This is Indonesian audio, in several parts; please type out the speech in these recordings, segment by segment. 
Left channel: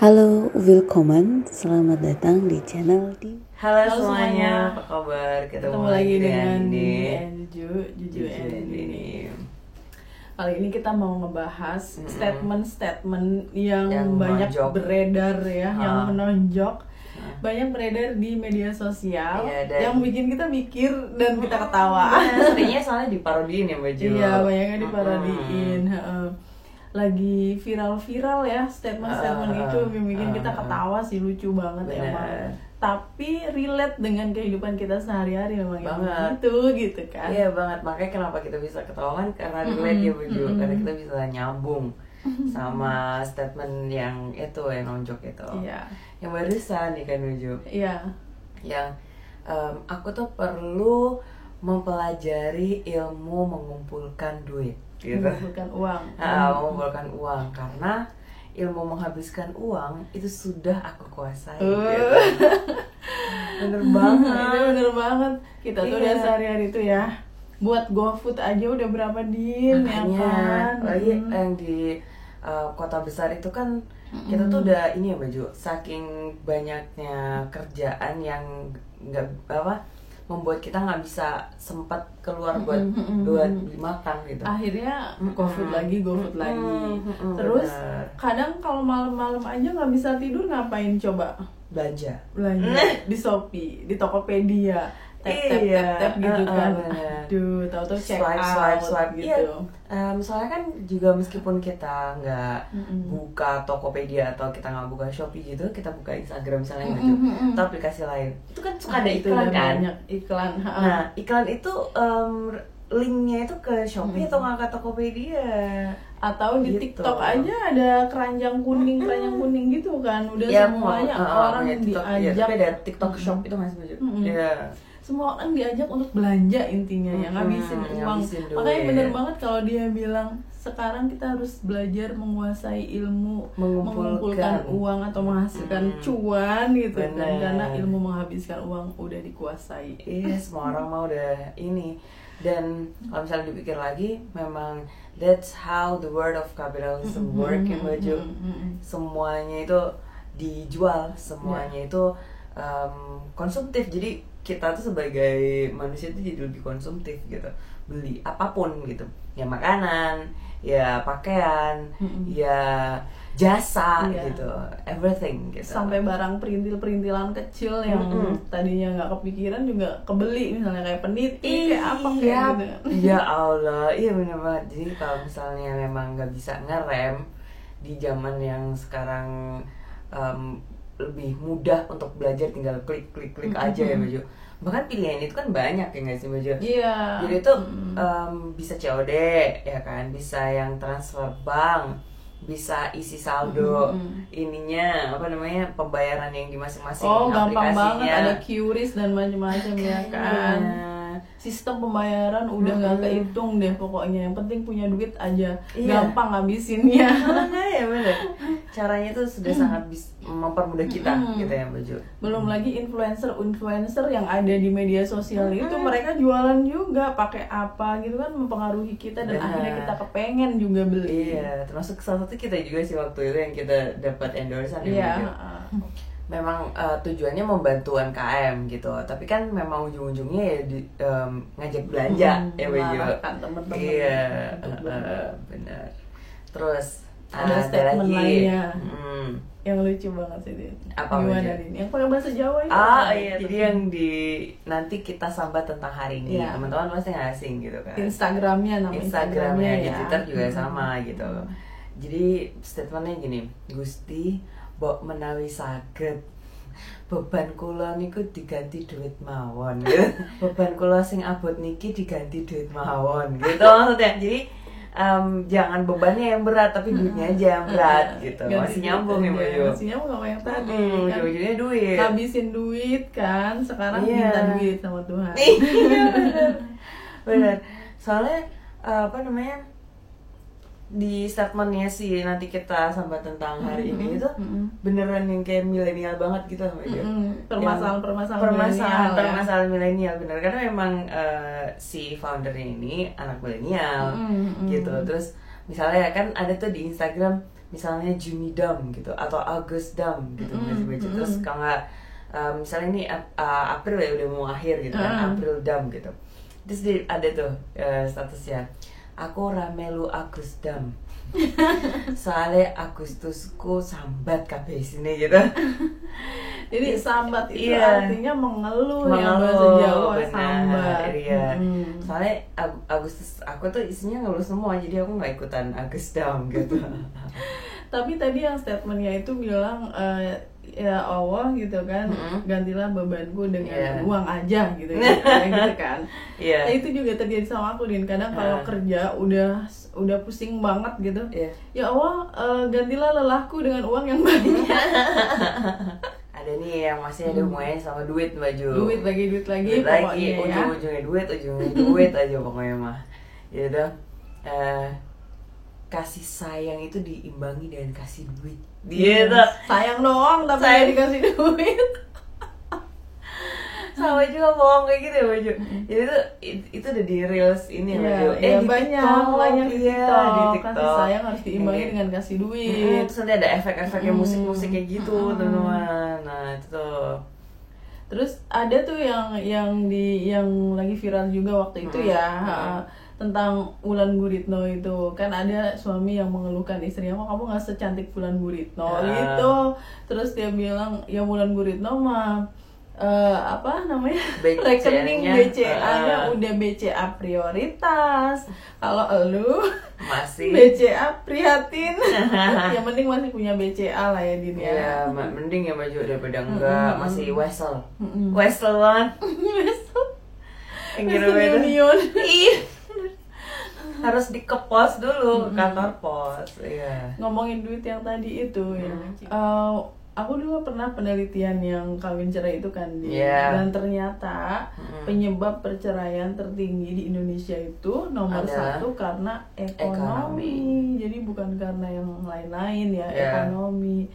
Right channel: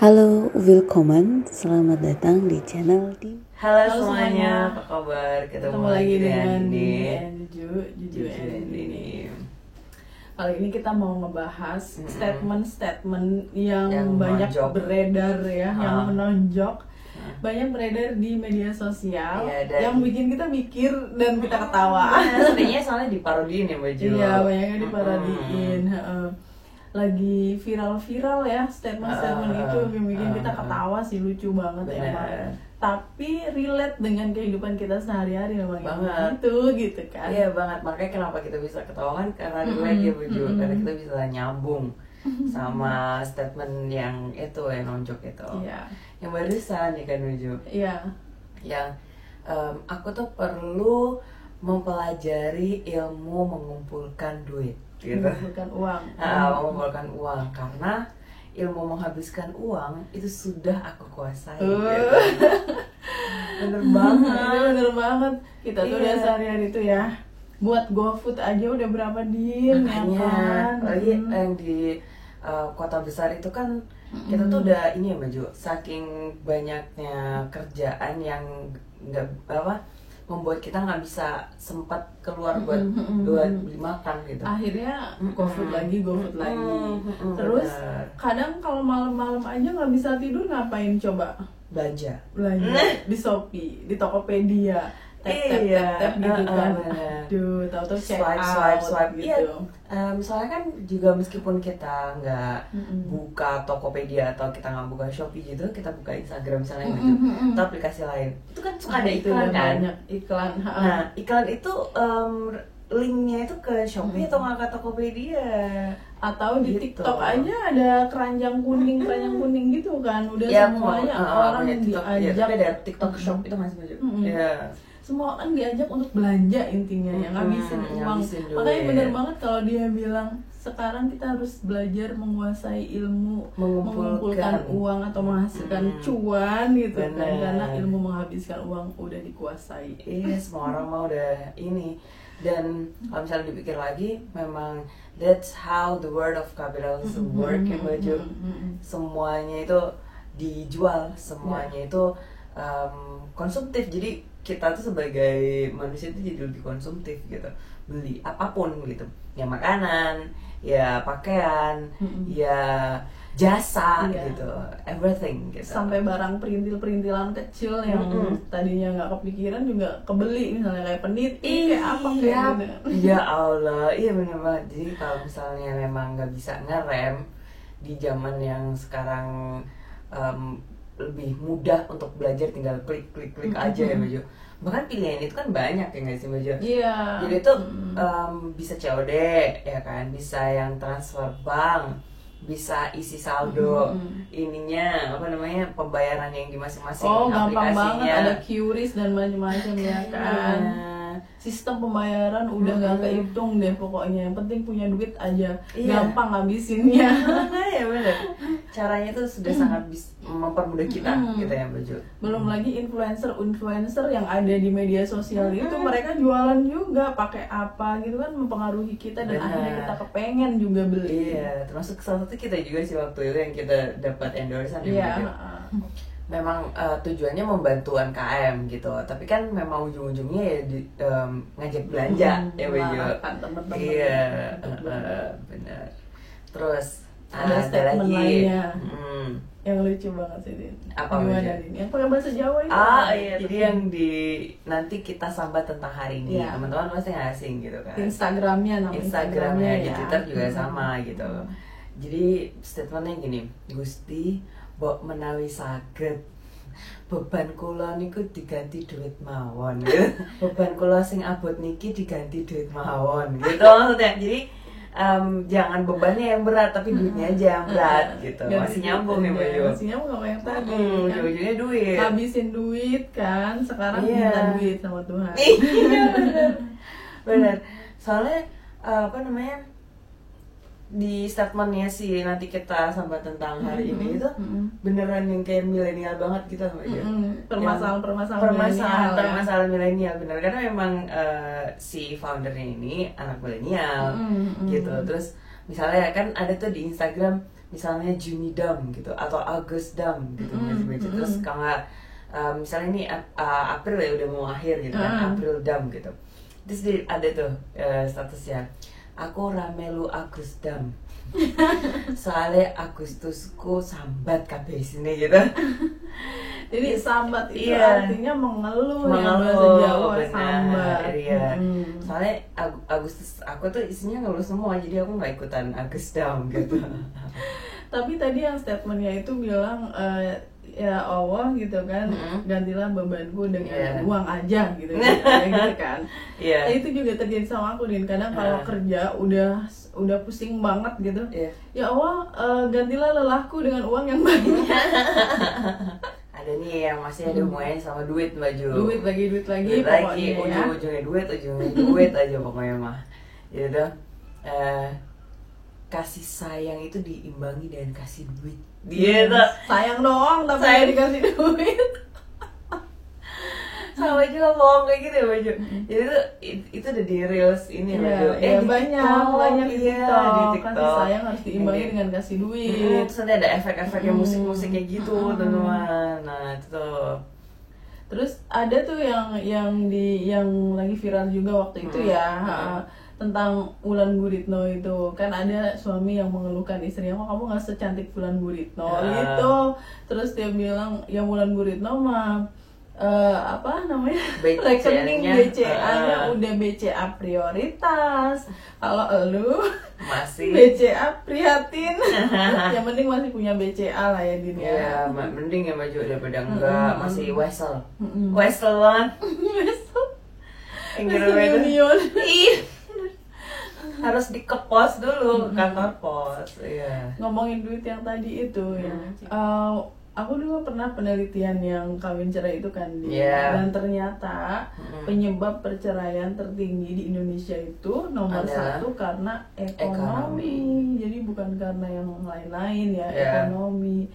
Halo, willkommen, selamat datang di channel di Halo semuanya, apa kabar? Ketemu lagi dengan Andi. Juju and Andi. Kali ini kita mau ngebahas statement-statement yang Yang banyak menonjol. beredar ya, yang menonjol. Banyak beredar di media sosial Iya, dan- yang bikin kita mikir dan kita ketawa. Seringnya soalnya diparodiin ya Mbak Jo. Iya, banyaknya diparodiin. Heeh. Lagi viral-viral ya statement-statement itu yang bikin kita ketawa sih, lucu banget Bener. emang. Tapi relate dengan kehidupan kita sehari-hari memang Banget. gitu kan. Iya banget, makanya kenapa kita bisa ketawa kan karena relate ya Mbak Jo. Karena kita bisa nyambung sama statement yang itu, yang nonjok itu. Iya. Yang barusan nih kan Mbak Jo. Iya. Yang aku tuh perlu mempelajari ilmu mengumpulkan duit gitu. Mengumpulkan uang. Mengumpulkan uang karena ilmu menghabiskan uang itu sudah aku kuasai gitu. Bener banget. Itu bener banget. Kita tuh Iya. udah sehari-hari tuh ya buat GoFood aja udah berapa din ya Makanya kan. lagi yang di kota besar itu kan kita tuh udah ini ya Baju, saking banyaknya kerjaan yang nggak membuat kita nggak bisa sempat keluar buat beli makan gitu. Akhirnya GoFood lagi. Terus Terus kadang kalau malam-malam aja nggak bisa tidur ngapain coba? belanja. Belanja di Shopee, di Tokopedia, tap gitu kan. Bener. Aduh, tahu-tahu check out swipe gitu. Iya. Soalnya kan juga meskipun kita nggak buka Tokopedia atau kita nggak buka Shopee gitu, kita buka Instagram misalnya gitu, atau aplikasi lain, itu kan suka ada Itu iklan udah kan. banyak iklan. Nah iklan itu linknya itu ke Shopee atau nggak ke Tokopedia? Atau di Gitu. TikTok aja ada keranjang kuning gitu kan. Udah Ya, semuanya orang ya, TikTok, ya, diajak. tapi ada TikTok Shop itu masih maju. Ya. Semua kan diajak untuk belanja intinya ya, ngabisin uang. ngabisin duit. Makanya bener banget kalau dia bilang sekarang kita harus belajar menguasai ilmu mengumpulkan uang atau menghasilkan cuan gitu kan, Bener. karena ilmu menghabiskan uang udah dikuasai. Iya, semua orang mau udah ini. Dan kalau misalnya dipikir lagi, memang that's how the world of capitalism work ya Mbak Jo. Semuanya itu dijual, semuanya itu konsumtif. Jadi kita tuh sebagai manusia itu jadi lebih konsumtif gitu, beli apapun gitu, ya makanan, ya pakaian, ya jasa gitu, everything gitu. Sampai barang perintil-perintilan kecil yang tadinya nggak kepikiran juga kebeli, misalnya kayak peniti kayak apa kayak gitu. Ya Allah, iya bener banget. Jadi kalau misalnya memang nggak bisa ngerem di zaman yang sekarang lebih mudah untuk belajar, tinggal klik aja ya Baju. Bahkan pilihan itu kan banyak ya nggak sih Baju? Iya. Jadi itu bisa COD ya kan, bisa yang transfer bank, bisa isi saldo, ininya apa namanya, pembayaran yang di masing-masing Gampang banget, aplikasinya. ada QRIS dan macam-macam ya kan. Sistem pembayaran udah nggak kehitung deh pokoknya, yang penting punya duit aja. Iya. Gampang ngabisinnya. Ya bener, caranya tuh sudah sangat mempermudah kita gitu ya Mbak Jo. Belum lagi influencer yang ada di media sosial itu, mereka jualan juga pakai apa gitu kan, mempengaruhi kita dan Bener. akhirnya kita kepengen juga beli. Iya, termasuk salah satu kita juga sih waktu itu yang kita dapat endorsean ya Iya. Mbak Jo. Memang tujuannya membantu UMKM gitu, tapi kan memang ujung-ujungnya ya ngajak belanja ya Mbak Jo. Memarahkan teman-teman. Iya, benar. Terus Ada statement lagi. lainnya. Yang lucu banget sih Din. Apa, Gimana Mbak? Din? Yang pakai bahasa Jawa itu. Iya, jadi yang nanti kita sambat tentang hari ini. Iya. Teman-teman pasti nggak asing gitu kan. Instagramnya Instagramnya di ya. Twitter juga sama gitu. Jadi statementnya gini, Gusti mbok menawi saged beban kula niku diganti duit mawon gitu. Beban kula sing abot niki diganti duit mawon gitu maksudnya. Jadi jangan bebannya yang berat tapi duitnya aja yang berat gitu. Masih nyambung nih Mbak Jo. Masih nyambung sama yang tadi kan. Ujung-ujungnya duit. Habisin duit kan, sekarang Iya. minta duit sama Tuhan. Iya benar. Soalnya apa namanya, di statementnya sih nanti kita sambat tentang hari ini itu beneran yang kayak milenial banget gitu Mbak Jo. Permasalahan milenial bener, karena memang si foundernya ini anak milenial gitu. Terus misalnya kan ada tuh di Instagram misalnya Juni Dam gitu atau Agust Dam gitu masih baca. Terus kalau nggak misalnya ini April ya udah mau akhir gitu kan, April Dam gitu. Terus ada tuh statusnya, aku ramelu Agus Dam. Soalnya Agustusku sambat kabeh sini gitu. Jadi sambat itu Iya. artinya mengeluh ya, bahasa Jawa sambat. Iya. Soalnya Agustus aku tuh isinya ngeluh semua, jadi aku nggak ikutan Agus Dam gitu. Tapi tadi yang statementnya itu bilang ya Allah gitu kan, gantilah bebanku dengan uang aja gitu ya, gitu kan. Iya. Nah, itu juga terjadi sama aku, Din. Kadang kalau kerja udah pusing banget gitu. Ya Allah, gantilah lelahku dengan uang yang banyak. Ada nih yang masih ada hubungannya sama duit, Mbak Ju. Duit lagi pokoknya, ujung-ujungnya duit aja pokoknya mah. Gitu. Kasih sayang itu diimbangi dengan kasih duit. Gitu. Sayang doang tapi nggak dikasih duit. Sama juga bohong kayak gitu ya Mbak Ju. Jadi itu udah di reels ini Mbak Ju. Banyak di TikTok. Kasih sayang harus diimbangi dengan kasih duit. Terus nanti ada efek-efeknya musik-musik kayak gitu teman-teman. Nah itu tuh. Terus ada tuh yang lagi viral juga waktu itu tentang Wulan Guritno itu. Kan ada suami yang mengeluhkan istrinya, kok kamu nggak secantik Wulan Guritno gitu. Terus dia bilang, ya Wulan Guritno mah apa namanya, rekening BCA-nya udah BCA prioritas. Kalau elu masih BCA prihatin. Yang penting masih punya BCA lah ya Din ya. Iya, mending ya Mbak Jo daripada enggak masih wesel banget. Union. Iya. Harus dikepos dulu kantor pos. Iya. Ngomongin duit yang tadi itu ya. Aku dulu pernah penelitian yang kawin cerai itu kan dan ternyata penyebab perceraian tertinggi di Indonesia itu nomor satu karena ekonomi. Jadi bukan karena yang lain-lain ya, ekonomi.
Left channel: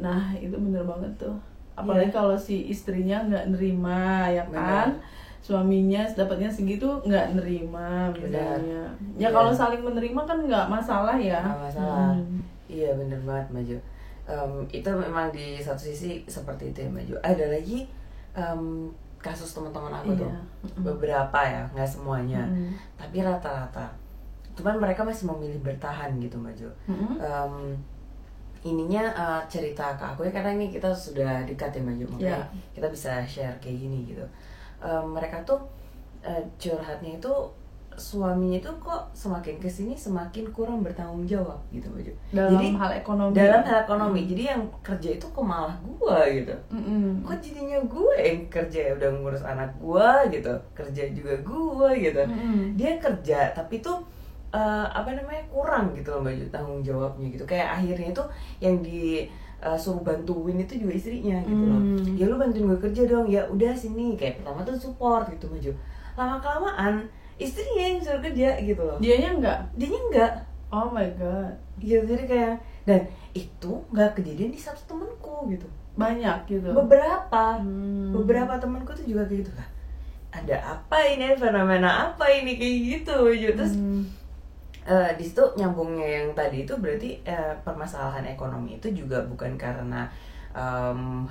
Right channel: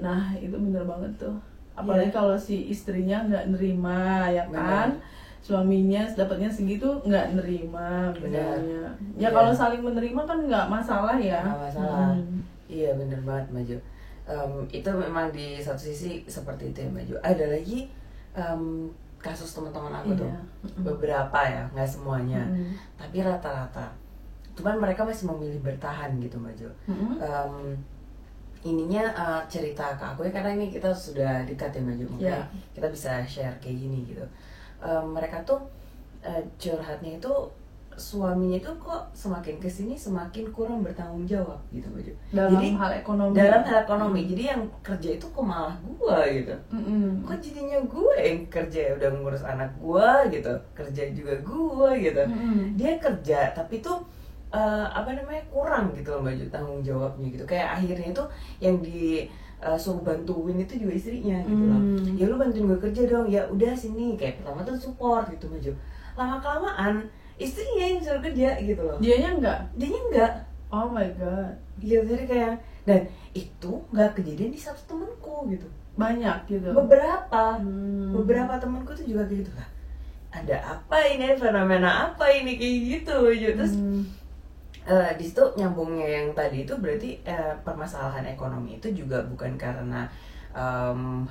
Nah itu bener banget tuh. Apalagi kalau si istrinya nggak nerima ya kan. Suaminya dapatnya segitu nggak nerima misalnya. Ya kalau saling menerima kan nggak masalah ya. Nggak masalah. Iya bener banget Mbak Jo. Itu memang di satu sisi seperti itu ya Mbak Jo. Ada lagi kasus teman-teman aku tuh beberapa ya, nggak semuanya, tapi rata-rata. Cuman mereka masih memilih bertahan gitu Mbak Jo. Ininya cerita ke aku ya, karena ini kita sudah dekat ya Mbak Jo, makanya kita bisa share kayak gini gitu. Mereka tuh curhatnya itu suaminya itu kok semakin kesini semakin kurang bertanggung jawab gitu Mbak Jo. Dalam hal ekonomi. Jadi yang kerja itu kok malah gua gitu. Kok jadinya gue yang kerja, udah ngurus anak gua gitu, kerja juga gua gitu. Dia kerja tapi tuh kurang gitu loh Mbak Jo tanggung jawabnya gitu. Kayak akhirnya itu yang suruh bantuin itu juga istrinya gitu loh. Ya lu bantuin gue kerja dong. Ya udah sini, kayak pertama tuh support gitu Mbak Jo. Lama-kelamaan istrinya yang suruh kerja gitu loh. Dianya enggak? Oh my god. Iya, jadi kayak, dan itu nggak kejadian di satu temanku gitu. Banyak gitu. Beberapa temanku tuh juga kayak gitu lah. Ada apa ini, fenomena apa ini kayak gitu. Terus di situ nyambungnya yang tadi itu berarti permasalahan ekonomi itu juga bukan karena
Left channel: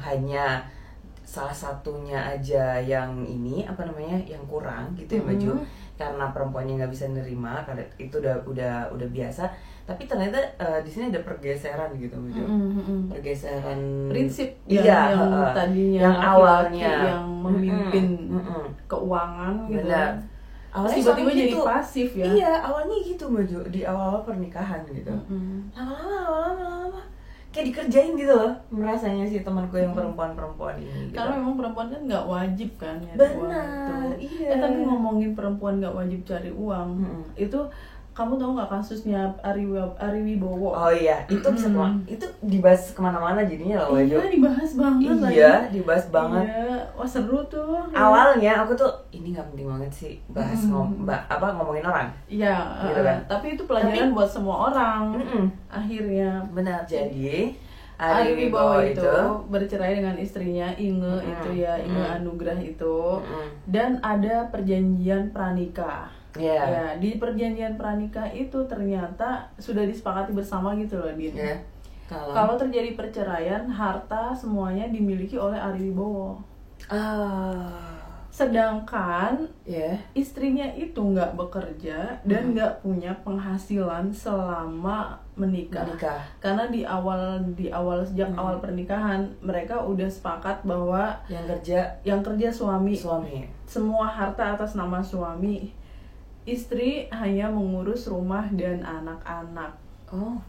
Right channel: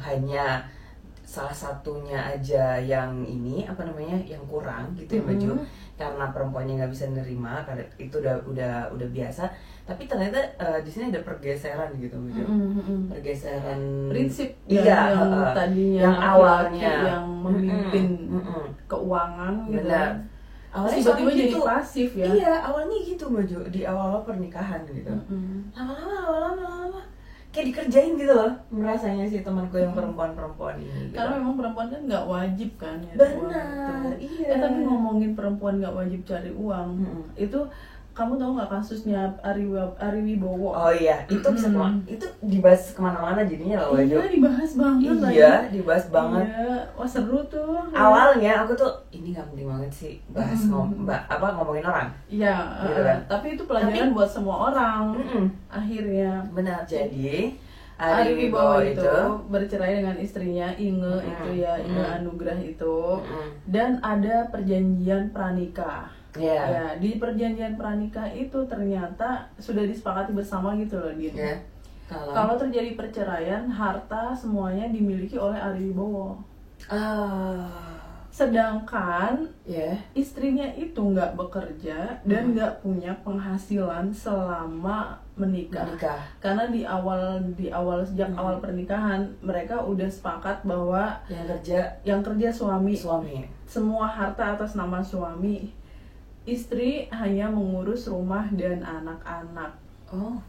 hanya salah satunya aja yang yang kurang gitu ya Mbak Jo, karena perempuannya nggak bisa nerima, karena itu udah biasa. Tapi ternyata di sini ada pergeseran gitu Mbak Jo. Pergeseran prinsip yang tadinya yang awalnya yang memimpin keuangan gitu. Benar. Awalnya tiba-tiba jadi pasif ya. Iya, awalnya gitu Mbak Jo, di awal pernikahan gitu. Lama-lama kayak dikerjain gitu loh, merasanya si temanku yang perempuan ini gitu. Karena memang perempuan kan nggak wajib kan ya. Benar, iya. Tapi ngomongin perempuan nggak wajib cari uang, itu kamu tahu nggak kasusnya Ari Wibowo? Oh iya, itu bisa itu dibahas kemana-mana jadinya loh. Iya, dibahas banget. Iya, dibahas banget. Iya, wah seru tuh. Awalnya aku tuh ini nggak penting banget sih bahas ngomongin orang. Iya, gitu kan? tapi itu pelajaran buat semua orang. Akhirnya. Benar. Jadi Ari Wibowo itu bercerai dengan istrinya Inge itu ya, Inge Anugrah itu, dan ada perjanjian pranikah. Ya, di perjanjian pranikah itu ternyata sudah disepakati bersama gitu loh, Din. Kalau terjadi perceraian, harta semuanya dimiliki oleh Ari Wibowo. Sedangkan istrinya itu nggak bekerja dan nggak punya penghasilan selama menikah. Karena di awal sejak awal pernikahan mereka udah sepakat bahwa yang kerja suami. Semua harta atas nama suami. Istri hanya mengurus rumah dan anak-anak.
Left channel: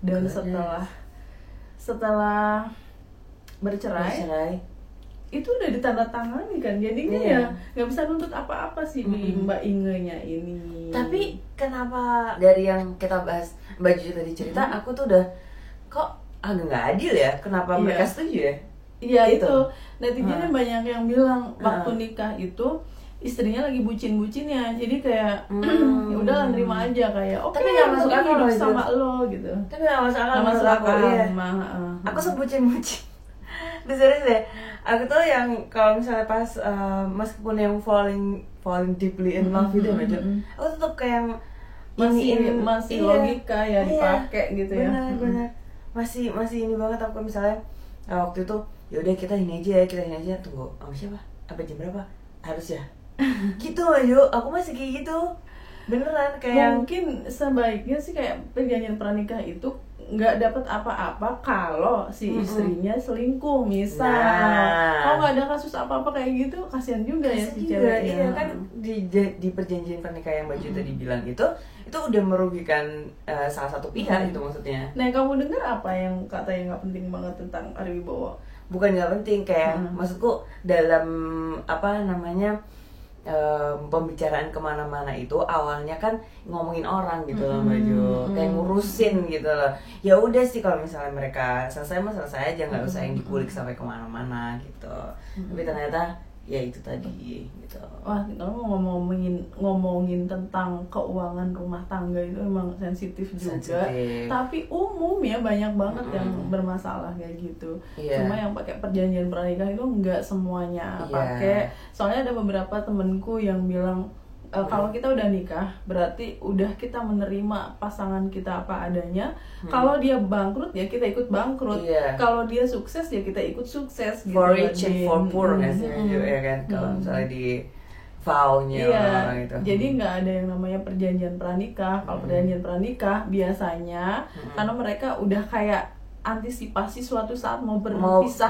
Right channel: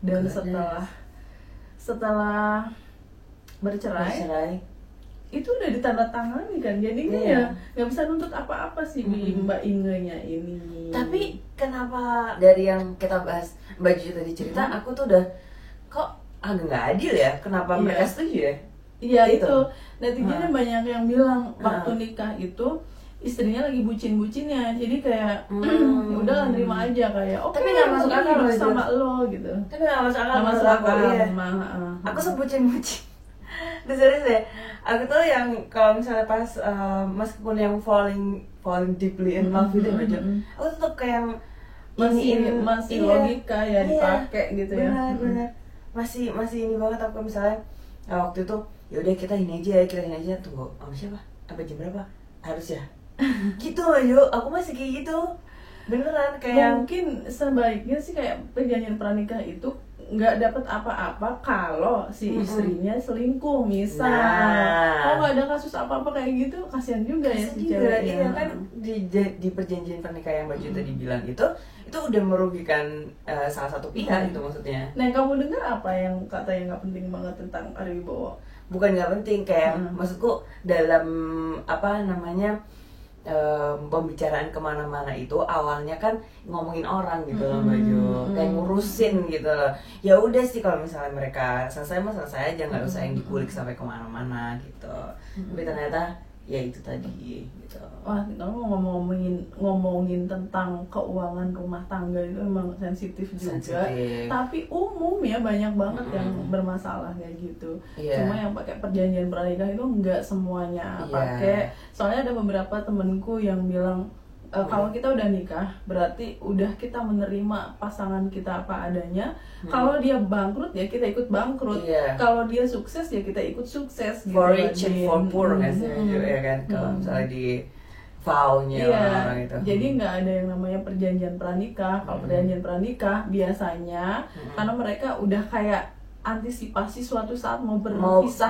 Dan setelah bercerai itu udah ditandatangani kan, jadinya ya nggak bisa nuntut apa-apa sih di Mbak Inge-nya ini. Tapi kenapa dari yang kita bahas Mbak Juju tadi cerita, aku tuh udah kok agak nggak adil ya, kenapa mereka setuju ya? Iya itu netizen banyak yang bilang waktu nikah itu istrinya lagi bucin-bucinnya, jadi kayak ya udah nerima aja kayak oke, tapi nggak masuk akal hidup sama lo gitu. Tapi nggak masuk akal, masuk akal. Aku sebucin-bucin. Udah serius deh. Aku tuh yang kalau misalnya pas meskipun yang falling deeply in love gitu aja, aku tuh kayak masih logika ya dipakai gitu ya. Benar. Masih ini banget aku misalnya waktu itu ya udah kita ini aja tunggu sama siapa? Apa jam berapa? Harus ya. Gitu ayo, aku masih kayak gitu. Beneran kayak mungkin sebaiknya sih kayak perjanjian pranikah itu nggak dapat apa-apa kalau si istrinya selingkuh misal. Kalau nggak ada kasus apa-apa kayak gitu, kasihan juga ya si cewek. Iya kan di perjanjian pernikahan yang Mbak Ju tadi bilang itu udah merugikan salah satu pihak itu maksudnya. Nah, kamu dengar apa yang katanya nggak penting banget tentang Ari Wibowo? Bukan nggak penting, kayak maksudku dalam apa namanya pembicaraan kemana-mana itu awalnya kan ngomongin orang gitu loh Mbak Ju, kayak ngurusin gitu loh. Ya udah sih kalau misalnya mereka selesai aja, nggak usah yang dikulik sampai kemana-mana gitu. Tapi ternyata ya itu tadi gitu. Wah, kamu ngomongin tentang keuangan rumah tangga itu memang sensitif juga. Tapi umum ya banyak banget yang bermasalah kayak gitu. Cuma yang pakai perjanjian pernikahan itu nggak semuanya pakai. Soalnya ada beberapa temenku yang bilang kalau kita udah nikah berarti udah kita menerima pasangan kita apa adanya. Kalau dia bangkrut ya kita ikut bangkrut. Kalau dia sukses ya kita ikut sukses gitu. For rich and for poor kan sih ya kan, kalau misalnya di vow-nya orang itu. Jadi nggak ada yang namanya perjanjian pranikah. Kalau perjanjian pranikah biasanya karena mereka udah kayak antisipasi suatu saat mau berpisah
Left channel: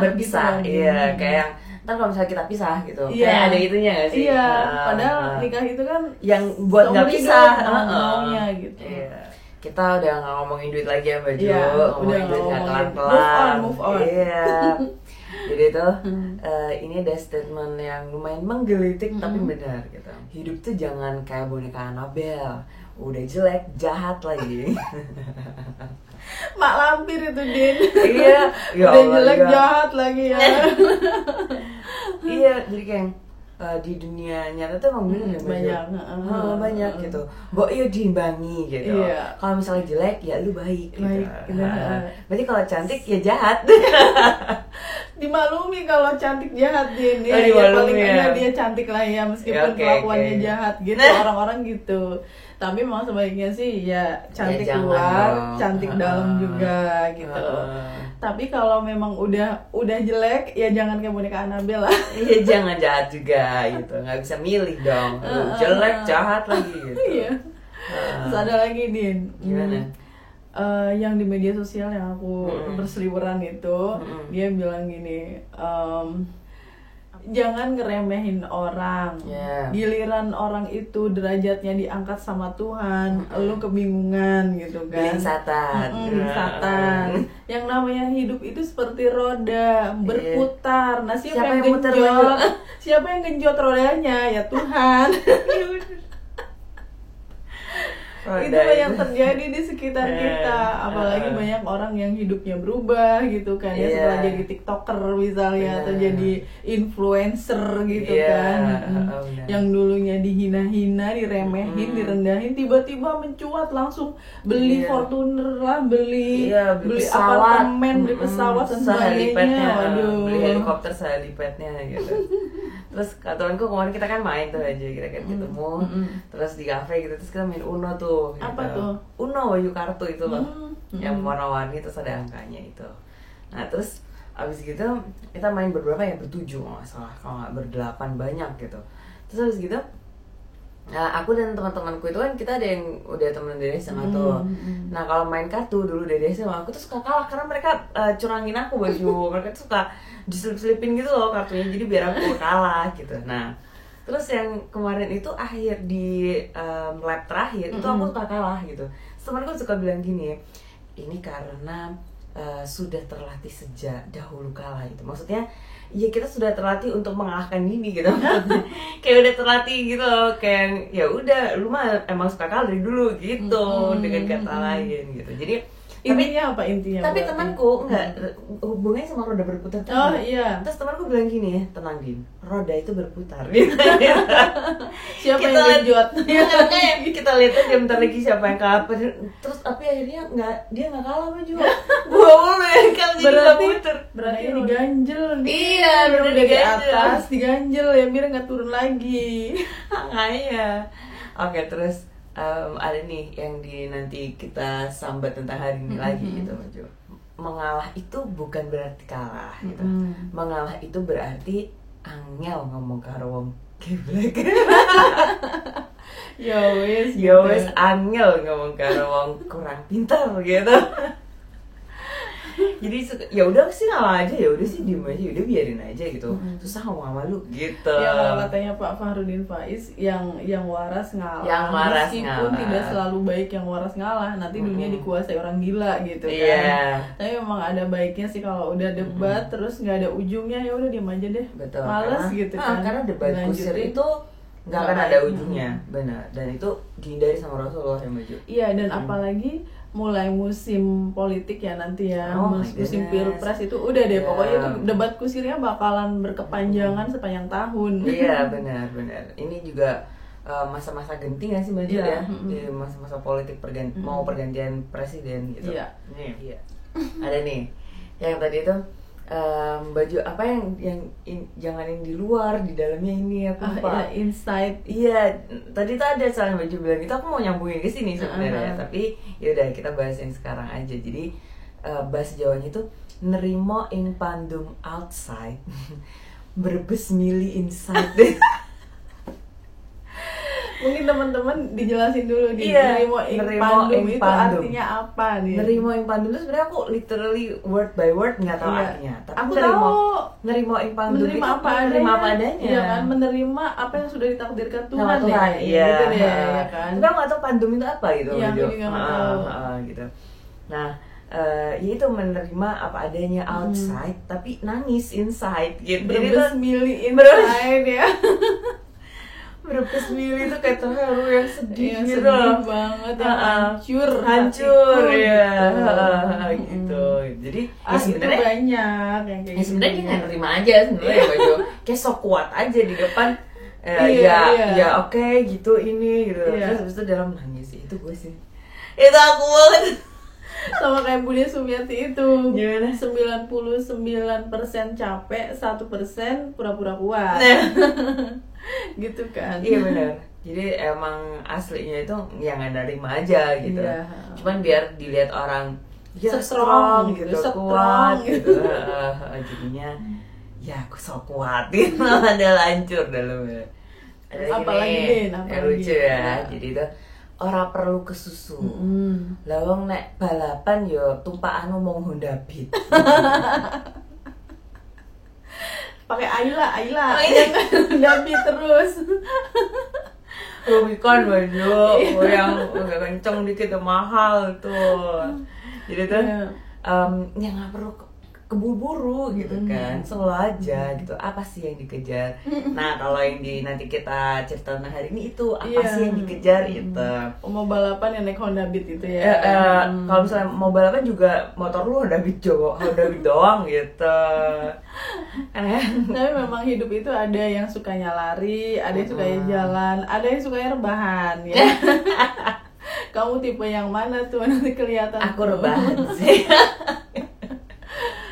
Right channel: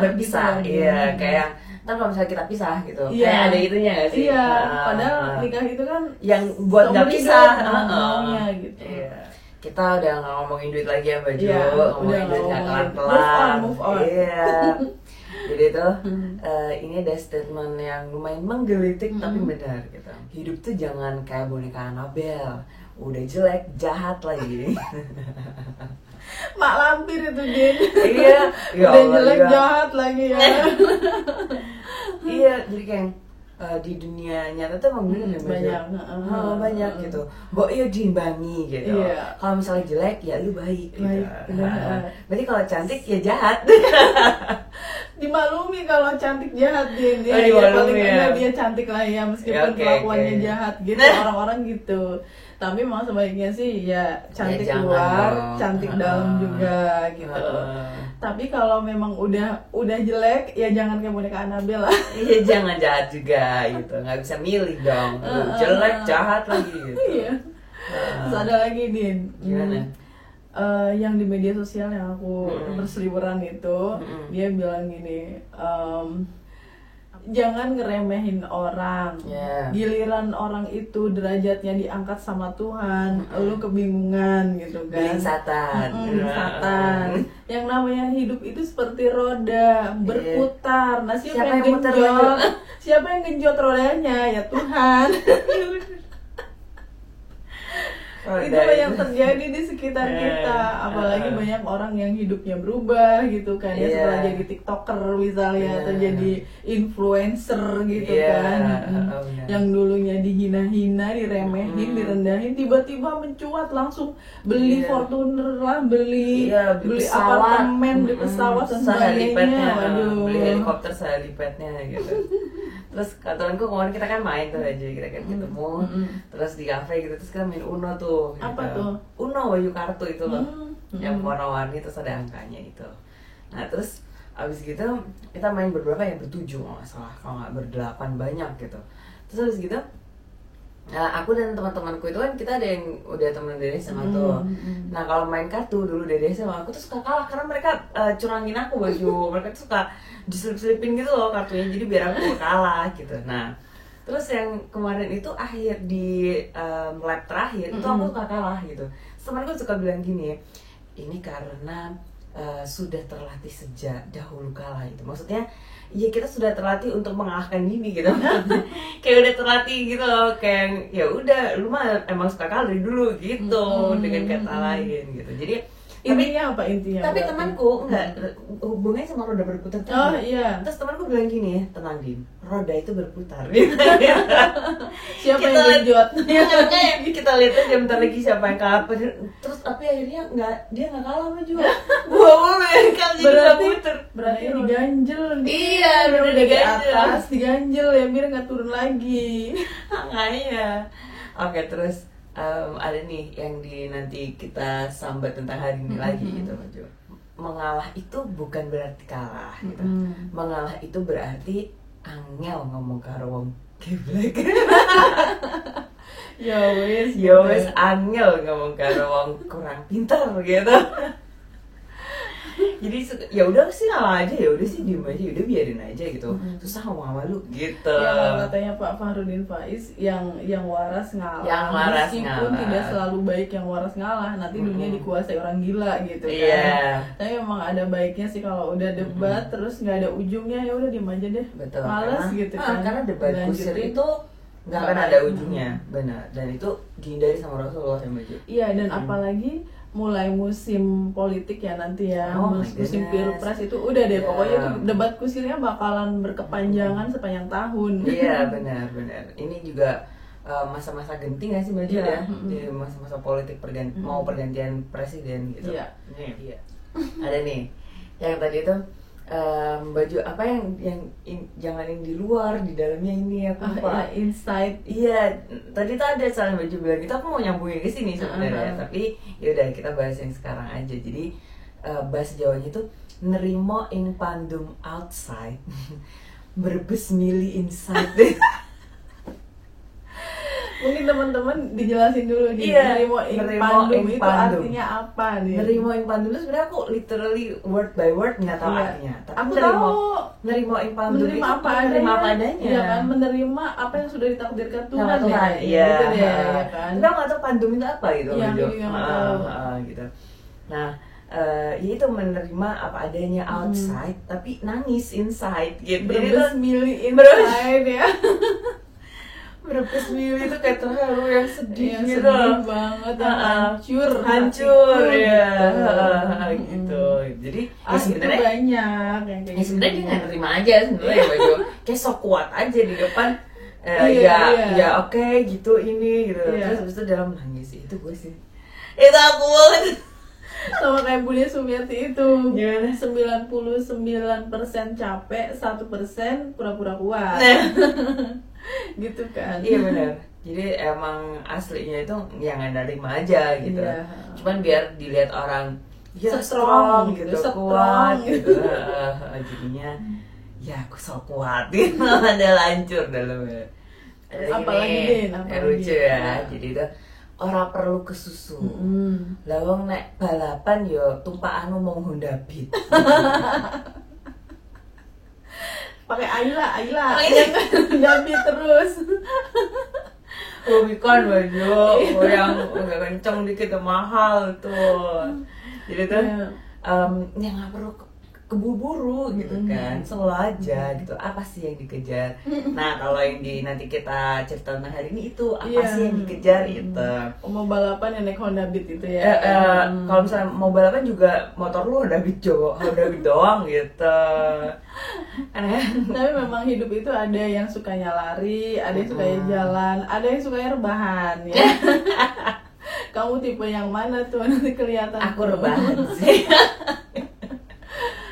gitu. Iya, kayak ntar kalau misalnya kita pisah gitu, kayak ada itunya nggak sih? Iya, padahal nikah itu kan yang buat nggak pisah. Gitu. Iya. Kita udah nggak ngomongin duit lagi ya Mbak Ju, ngomongin duit nggak kelar-kelar. Move on. Iya. Jadi itu ini ada statement yang lumayan menggelitik tapi benar gitu. Hidup tuh jangan kayak boneka Annabelle, udah jelek jahat lagi. Mak lampir itu Din. Iya. Udah jelek jahat lagi ya. Iya, jadi kayak di dunia nyata tuh emang bener banyak gitu. Mbok iya diimbangi gitu. Kalau misalnya jelek ya lu baik gitu. Berarti kalau cantik ya jahat. Dimaklumi kalau cantik jahat Din. Ya paling enggak dia cantik lah ya meskipun kelakuannya jahat gitu. Orang-orang gitu. Tapi memang sebaiknya sih ya cantik luar, cantik dalam juga gitu. Tapi kalau memang udah jelek ya jangan kayak boneka Annabelle lah. Iya, jangan jahat juga gitu. Nggak bisa milih dong. Jelek jahat lagi gitu. Iya. Terus ada lagi Din. Gimana? Yang di media sosial yang aku berseliweran itu dia bilang gini, jangan ngeremehin orang. Giliran orang itu derajatnya diangkat sama Tuhan, lu kebingungan gitu kan. Beliin satan. Yang namanya hidup itu seperti roda berputar. Nah, siapa yang genjot rodanya? Ya Tuhan. Itu yang terjadi di sekitar kita, apalagi banyak orang yang hidupnya berubah gitu kan ya, setelah jadi tiktoker misalnya atau jadi influencer gitu kan, yang dulunya dihina-hina, diremehin, direndahin, tiba-tiba mencuat langsung beli Fortuner lah, beli apartemen, beli pesawat dan sebagainya. Beli helikopter sehelipetnya gitu. Terus temanku kemarin kita kan main tuh aja, kita kan ketemu terus di kafe gitu, terus kita main Uno tuh gitu. Apa tuh? Uno, Wahyu kartu itu loh, yang warna-warni terus ada angkanya itu. Nah terus abis gitu kita main berberapa ya, bertujuh nggak salah, kalau nggak berdelapan banyak gitu. Terus abis gitu aku dan teman-temanku itu kan kita ada yang udah teman dari SMA tuh. Nah kalau main kartu dulu dari SMA aku tuh suka kalah karena mereka curangin aku baju. Mereka tuh suka diselip-selipin gitu loh kartunya, jadi biar aku kalah gitu. Nah terus yang kemarin itu akhir di lab terakhir itu aku suka kalah gitu. Terus temanku suka bilang gini, ini karena sudah terlatih sejak dahulu kala gitu. Maksudnya ya kita sudah terlatih untuk mengalahkan ini gitu. Kayak udah terlatih gitu loh, kayak ya udah lu mah emang suka kalah dari dulu gitu, dengan kata lain gitu. Jadi intinya apa intinya? Tapi berarti? Temanku enggak hubungannya sama roda berputar tuh. Oh iya. Terus temanku bilang gini, tenang Din, roda itu berputar. Gitu. Siapa Kita yang genjot? Kita lihat aja bentar lagi siapa yang kalah. Terus tapi akhirnya dia nggak kalah sama juga. Gua mulu yang kalah jadi berputar. Berarti diganjel nih. Iya, udah di diganjel. atas diganjel ya, biar nggak turun lagi. Makanya. Oke, terus ada nih yang nanti kita sambat tentang hari ini lagi gitu Maju. Mengalah itu bukan berarti kalah gitu. Mengalah itu berarti angel ngomong karo wong geblek. Ya wes. Ya wes angel ngomong karo wong kurang pintar gitu. Jadi ya udah sih ngalah aja, ya udah sih diem aja, udah biarin aja gitu. Susah ngomong sama lu gitu. Ya kalau katanya Pak Fahrudin Faiz, yang waras ngalah. Yang waras meskipun ngalah. tidak selalu baik yang waras ngalah, nanti dunia dikuasai orang gila gitu kan. Iya. Tapi memang ada baiknya sih kalau udah debat terus nggak ada ujungnya, ya udah diem aja deh. Betul. Males gitu kan. Karena debat kusir Lanjutin. itu nggak akan ada ujungnya, benar. Dan itu dihindari sama Rasulullah yang baju. Iya, dan apalagi mulai musim politik ya nanti ya, Oh my musim goodness. pilpres itu udah deh, Yeah. pokoknya itu debat kusirnya bakalan berkepanjangan sepanjang tahun. Iya benar. Ini juga masa-masa genting nggak sih baju Iya. ya? Di masa-masa politik mau pergantian presiden gitu. Iya. Iya. Ada nih yang tadi itu baju apa yang jangan yang di luar, di dalamnya ini aku lupa. Ya, insight. Iya, tadi tuh ada soal baju bilang gitu, aku mau nyambungin ke sini sebenarnya, tapi yaudah kita bahas yang sekarang aja. Jadi bahasa Jawanya itu nerimo ing pandum outside, berbes mili inside. Mungkin teman-teman dijelasin dulu nih, Iya, nerimo ing nerimo pandum ing itu pandum. artinya apa nih? Nerimo ing pandum itu sebenarnya aku literally word by word nggak tahu Iya. artinya. Tapi Aku nerimo ing pandum menerima itu apa menerima adanya. apa adanya. Iya kan, menerima apa yang sudah ditakdirkan Tuhan, Sama Tuhan, ya. iya. Gitu deh, ya kan. Tapi aku nggak tahu pandum itu apa gitu. Iya, Baju. aku juga nggak tahu. Gitu. Nah, ya itu menerima apa adanya outside, tapi nangis inside gitu. Jadi Berbes tuh mili inside ya. berbes mili itu kayak terharu yang sedih Yang gitu. sedih banget, yang hancur hatiku, ya, gitu. gitu. Jadi ya Itu sebenarnya banyak yang kayak ya sebenarnya dia gitu. nggak nerima aja sebenarnya ya baju kayak sok kuat aja di depan Iya. ya oke gitu ini gitu. Iya. Terus habis itu dalam nangis itu gue sih itu aku banget. Sama kayak Budia Sumiati itu. Gimana? 99% capek, 1% pura-pura kuat. Gitu kan. Iya benar. Jadi emang aslinya itu ya nggak nerima aja gitu. Iya. Cuman biar dilihat orang ya Strong gitu, gitu, kuat strong gitu. Jadinya ya aku so kuat gitu. Ada lancur dalamnya. Ada Apalagi, gini, Din, yang apalagi? lucu ya. Jadi itu ora perlu kesusu. Lawang nek balapan yo tumpakan ngomong Honda Beat. Pakai Ayla Oh, iya. Gabi terus. Rubicon baju yang agak kenceng dikit tuh mahal tuh. Jadi tuh ya nggak perlu keburu-buru gitu kan, slow aja gitu. Apa sih yang dikejar? Nah kalau yang nanti kita cerita tentang hari ini itu apa Iya. sih yang dikejar itu? Mau balapan yang naik Honda Beat itu ya. Kalau misalnya mau balapan juga motor lu Honda Beat doang gitu. Aneh. Tapi memang hidup itu ada yang sukanya lari, ada yang sukanya jalan, ada yang sukanya rebahan ya. Kamu tipe yang mana tuh nanti kelihatan? Aku rebahan sih.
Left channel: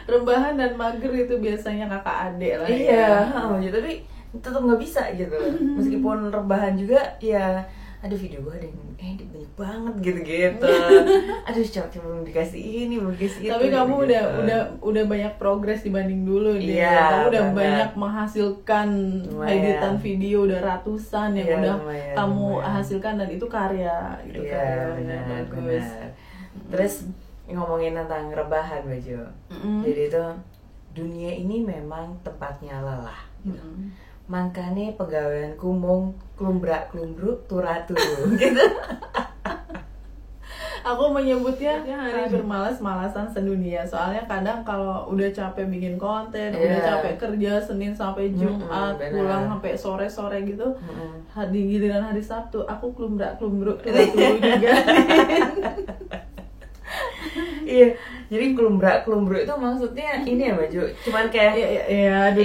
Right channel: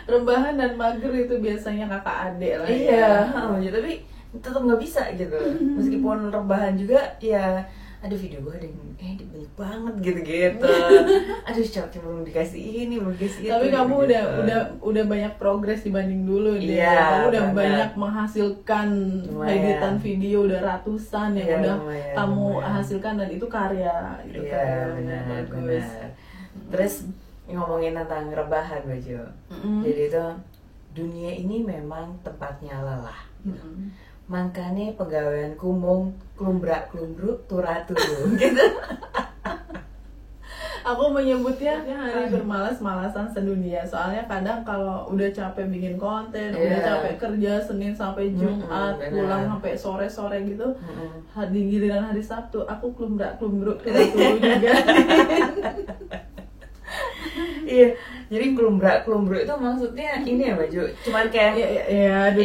Rebahan dan mager itu biasanya kakak adik lah. Iya, ya. tapi tetap nggak bisa gitu. Meskipun rebahan juga ya, aduh video gue ada yang edit banyak banget gitu. Aduh coba belum dikasih ini, belum dikasih itu. Tapi kamu gitu. udah banyak progres dibanding dulu nih. Iya, Kamu udah banget. banyak menghasilkan Lumayan. editan video udah ratusan yang Iya, udah lumayan, kamu lumayan. hasilkan dan itu karya gitu. Iya benar. Terus ngomongin tentang rebahan Baju. Jadi itu dunia ini memang tempatnya lelah. Gitu. Makanya pegawaian kumung klumbrak-klumbruk turah-turu gitu. Aku menyebutnya hari bermalas-malasan sedunia. Soalnya kadang kalau udah capek bikin konten, udah capek kerja Senin sampai Jumat, pulang sampai sore-sore gitu, di giliran hari Sabtu aku klumbrak-klumbruk turah-turu juga. Iya, jadi klumbrak-klumbruk itu maksudnya ini ya Baju, cuman kayak Iya,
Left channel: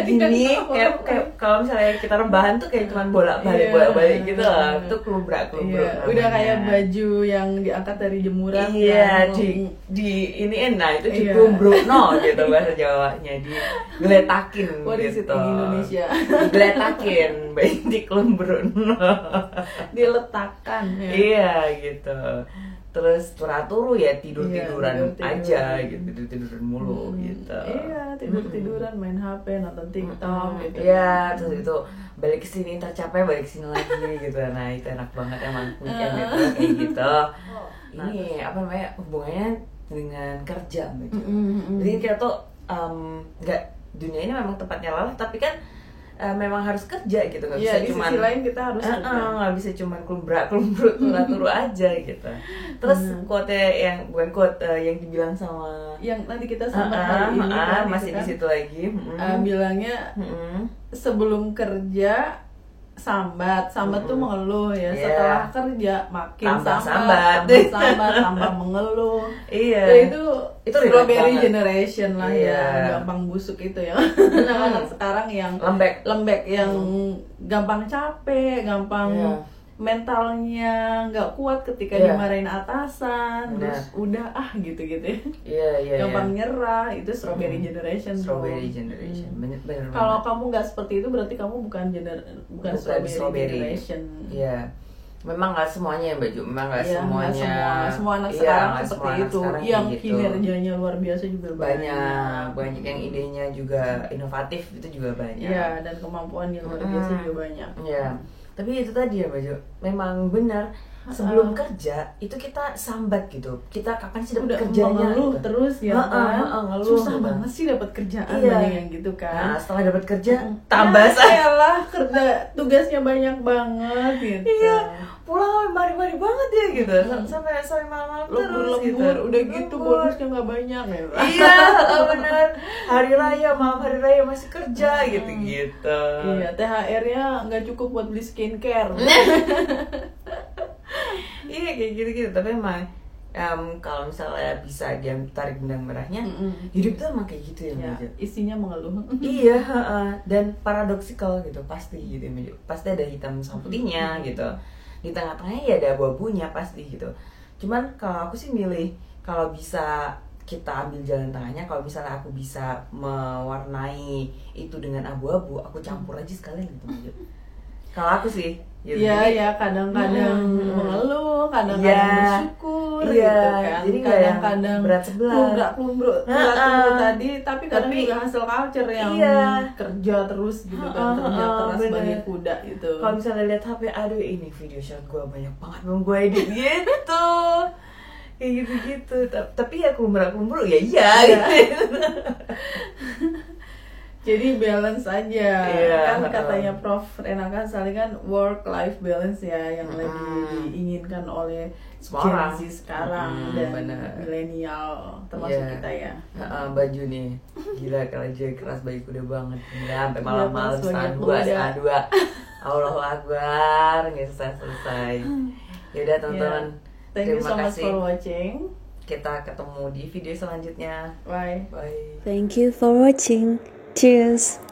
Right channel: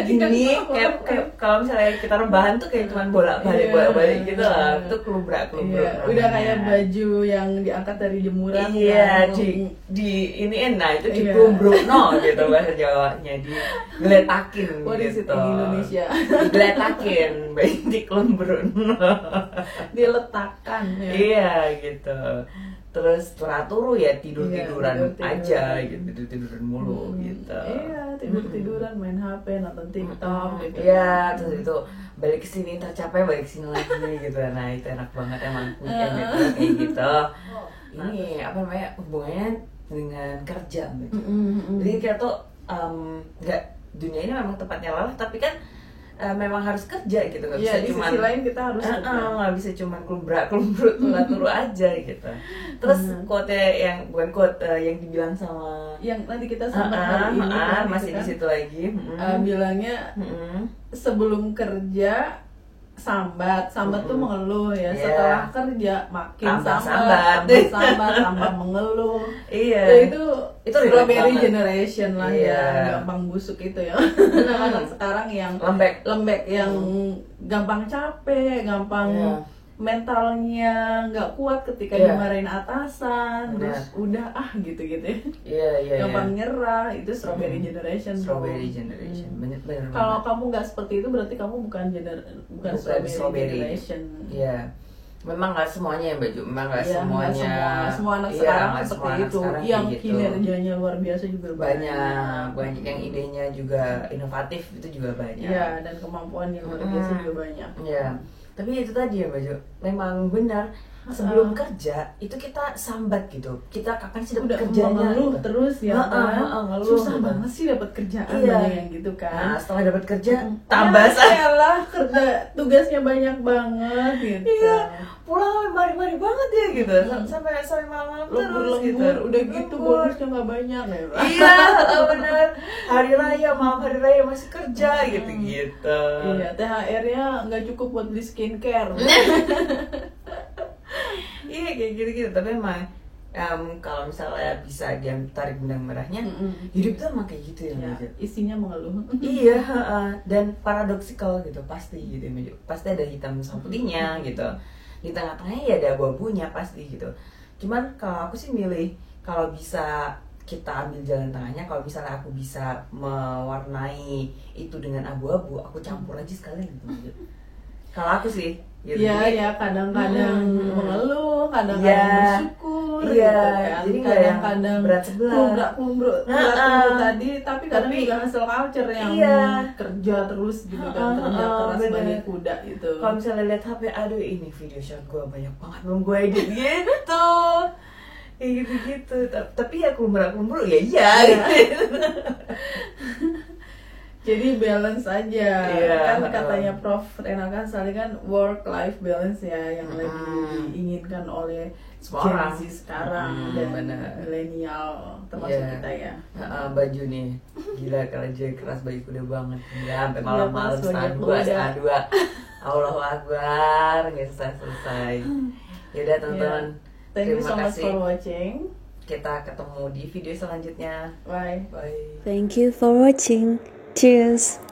gini, kayak kalau misalnya kita rebahan tuh kayak cuman bolak-balik gitu lah. Itu klumbrak-klumbruk. Iya, udah kayak baju yang diangkat dari jemuran. Iya, kan. di iniin, nah itu diklumbruk no gitu bahasa Jawanya, digeletakin What is it gitu. in Indonesia? Digeletakin, baik diklumbruk no. Diletakkan ya. Iya gitu. Terus turu ya tidur-tiduran Iya, aja gitu, tidur-tiduran mulu gitu. Iya, tidur-tiduran, main HP, nonton TikTok gitu. Iya, terus itu balik ke sini tercapek, balik ke sini lagi gitu. Nah, itu enak banget emang weekend itu kayak gitu. Ini apa namanya, hubungannya dengan kerja gitu. Jadi kita tuh nggak, dunia ini memang tempatnya lelah, tapi kan memang harus kerja gitu, nggak bisa Iya, di cuman sisi lain kita harus kerja. nggak bisa cuman klumbrak-klumbruk turu aja gitu. Terus quote yang bukan quote yang dibilang sama yang nanti kita sampai hari ini kan, masih gitu di situ lagi. bilangnya sebelum kerja sambat tuh mengeluh ya. Setelah kerja makin Tambah sambat, tambah mengeluh. Iya. Ya, itu strawberry banget. generation lah Iya. ya, gampang busuk itu ya. Anak-anak sekarang yang lembek yang gampang capek, gampang mentalnya nggak kuat ketika dimarahin atasan, terus udah gitu-gitu. Iya. Gampang nyerah, itu strawberry generation. Strawberry generation. Bener. Kalau kamu nggak seperti itu berarti kamu bukan strawberry generation. Iya. Memang nggak semuanya ya Baju, memang nggak Iya, semuanya. semua anak sekarang nggak seperti semua anak itu. sekarang Yang kayak gitu. kinerjanya luar biasa juga banyak yang idenya juga inovatif, itu juga banyak. Iya, dan kemampuan yang luar biasa juga banyak. Iya. Tapi itu tadi ya Baju, memang benar. Sebelum kerja itu kita sambat gitu. Kita kapan sih dapat kerjanya? Mengeluh gitu. terus ya kan. Ngeluh Susah gitu. banget sih dapat kerjaan Iya. yang gitu kan. Nah, setelah dapat kerja tambah lah kerja tugasnya banyak banget gitu. Iya, pulang mari banget ya gitu. Sampai malam terus gitu. Lembur udah gitu bonusnya nggak banyak ya. Iya, benar. Hari raya, malam hari raya masih kerja gitu. Iya, THR-nya nggak cukup buat beli skincare. Iya kayak gitu. Tapi emang kalau misalnya bisa dia tarik benang merahnya, hidup tuh emang kayak gitu ya, Maju. Isinya mengeluh. Iya, dan paradoksikal gitu pasti gitu, Maju. Pasti ada hitam sama putihnya gitu. Di tengah-tengahnya ya ada abu-abunya pasti gitu. Cuman kalau aku sih milih, kalau bisa kita ambil jalan tengahnya. Kalau misalnya aku bisa mewarnai itu dengan abu-abu, aku campur aja sekalian gitu, Maju. Kalau aku sih gitu. Iya, kadang-kadang mengeluh, kadang-kadang bersyukur, iya, gitu kan. jadi nggak yang kadang-kadang berat sebelah. kumbruk tadi, tapi kadang juga hasil culture yang kerja terus gitu kan, kerja keras bagi kuda gitu. Kalau misalnya lihat HP, aduh ini video shot gue banyak banget belum gue edit gitu. Kayak gitu-gitu. Tapi ya kumbra-kumbru ya iya. Jadi balance aja, kan katanya Prof. Renalkan Sali kan work life balance ya yang lagi diinginkan oleh semua Gen Z sekarang dan milenial termasuk kita ya. Baju nih gila kerja keras baju kuda banget ya, sampai malam-malam setengah dua Allahu Akbar nggak selesai. Yaudah teman-teman, thank you so much for watching. Kita ketemu di video selanjutnya. Bye. Thank you for watching. Cheers.